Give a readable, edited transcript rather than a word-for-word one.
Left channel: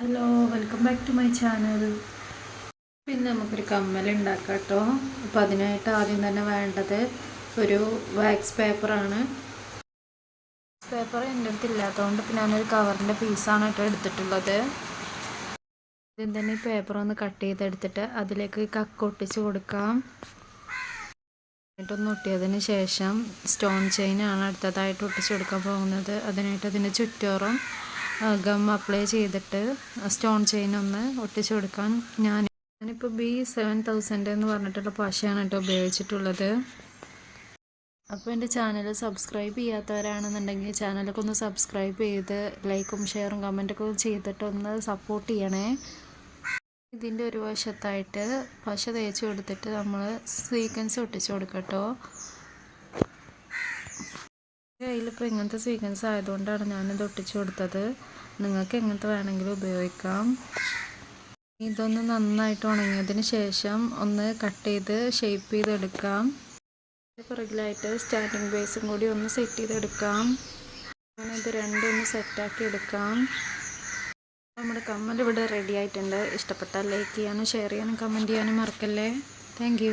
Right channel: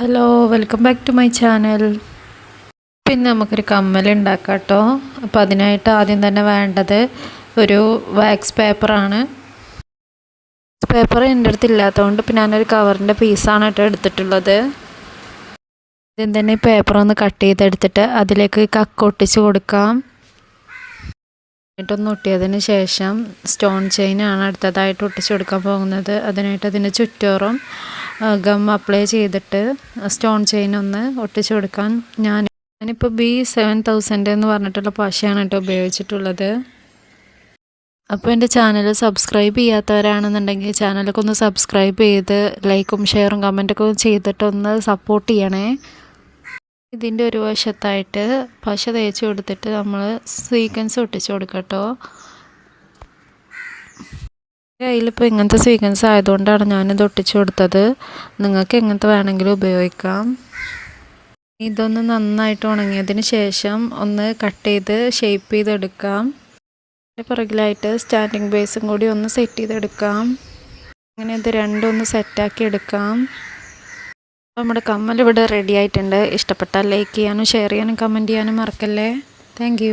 Hello welcome back to my channel. പിന്നെ നമുക്കൊരു കമ്മൽ ഉണ്ടാക്കാം കേട്ടോ. അപ്പോൾ അതിനായിട്ട് ആദ്യം തന്നെ വേണ്ടത് ഒരു വാക്സ് പേപ്പറാണ്. പേപ്പർ എൻ്റെ അടുത്ത് ഇല്ലാത്തതുകൊണ്ട് ഇപ്പോൾ ഞാനൊരു കവറിൻ്റെ പീസാണ് കേട്ടോ എടുത്തിട്ടുള്ളത്. ആദ്യം തന്നെ പേപ്പർ ഒന്ന് കട്ട് ചെയ്തെടുത്തിട്ട് അതിലേക്ക് കക്ക് ഒട്ടിച്ച് കൊടുക്കാം. എന്നിട്ടൊന്ന് ഒട്ടിയതിന് ശേഷം സ്റ്റോൺ ചെയിനാണ് അടുത്തതായിട്ട് ഒട്ടിച്ച് കൊടുക്കാൻ പോകുന്നത്. അതിനായിട്ട് അതിൻ്റെ ചുറ്റോറും ഗം അപ്ലൈ ചെയ്തിട്ട് സ്റ്റോൺ ചെയിൻ ഒന്ന് ഒട്ടിച്ചു കൊടുക്കാൻ ഞാനിപ്പോൾ B7000 എന്ന് പറഞ്ഞിട്ടുള്ള പശയാണ് കേട്ടോ ഉപയോഗിച്ചിട്ടുള്ളത്. അപ്പോൾ എൻ്റെ ചാനൽ സബ്സ്ക്രൈബ് ചെയ്യാത്തവരാണെന്നുണ്ടെങ്കിൽ ചാനലൊക്കെ ഒന്ന് സബ്സ്ക്രൈബ് ചെയ്ത് ലൈക്കും ഷെയറും കമൻറ്റൊക്കെ ചെയ്തിട്ടൊന്ന് സപ്പോർട്ട് ചെയ്യണേ. ഇതിൻ്റെ ഒരു വശത്തായിട്ട് പശ തേച്ച് കൊടുത്തിട്ട് നമ്മൾ സീക്വൻസ് ഒട്ടിച്ചു കൊടുക്കാം കേട്ടോ. കയ്യിലിപ്പോൾ ഇങ്ങനത്തെ സീക്വൻസ് ആയതുകൊണ്ടാണ് ഞാനിത് ഒട്ടിച്ചു കൊടുത്തത്. നിങ്ങൾക്ക് എങ്ങനത്തെ വേണമെങ്കിലും ഉപയോഗിക്കാം. ഇതൊന്ന് നന്നായിട്ട് ഉണങ്ങിയതിന് ശേഷം ഒന്ന് കട്ട് ചെയ്ത് ഷേപ്പ് ചെയ്തെടുക്കാം. പുറകിലായിട്ട് സ്റ്റാൻഡിങ് ബേസും കൂടി ഒന്ന് സെറ്റ് ചെയ്തെടുക്കാം. അങ്ങനെ ഇത് രണ്ടും ഒന്ന് സെറ്റാക്കി എടുക്കാം. നമ്മുടെ കമ്മൽ ഇവിടെ റെഡി ആയിട്ടുണ്ട്. ഇഷ്ടപ്പെട്ടാൽ ലൈക്ക് ചെയ്യാനും ഷെയർ ചെയ്യാനും കമൻറ്റ് ചെയ്യാനും മറക്കല്ലേ. താങ്ക്